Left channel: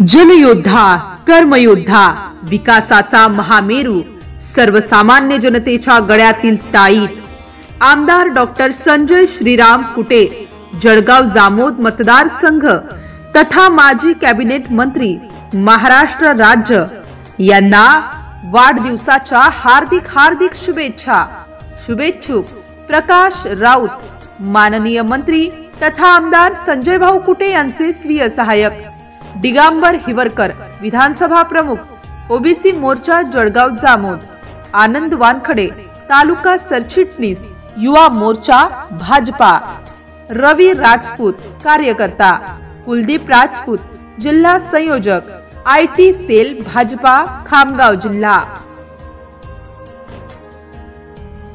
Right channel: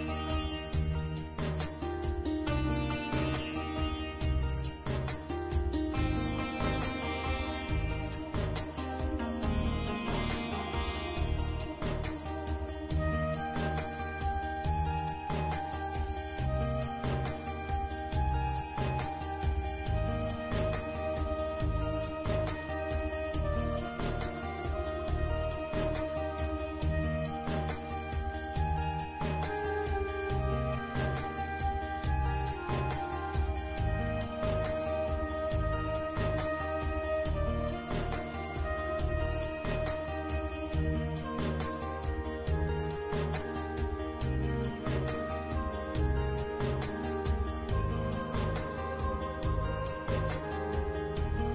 जलयोद्धा, कर्मयोद्धा, विकासाचा महामेरू, सर्वसामान्य जनतेच्या गळ्यातील टाळीत आमदार डॉक्टर संजय श्रीराम कुटे, जळगाव जामोद मतदारसंघ तथा माजी कॅबिनेट मंत्री, महाराष्ट्र राज्य यांना वाढदिवसाच्या हार्दिक हार्दिक शुभेच्छा। शुभेच्छुक प्रकाश राऊत, माननीय मंत्री तथा आमदार संजय भाऊ कुटे यांचे स्वीय सहायक, दिगंबर हिवरकर, विधानसभा प्रमुख, ओबीसी मोर्चा जळगाव जामोद, आनंद वानखडे, तालुका सरचिटणीस, युवा मोर्चा भाजपा, रवी राजपूत, कार्यकर्ता, कुलदीप राजपूत, जिल्हा संयोजक, IT सेल भाजपा, खामगाव जिल्हा।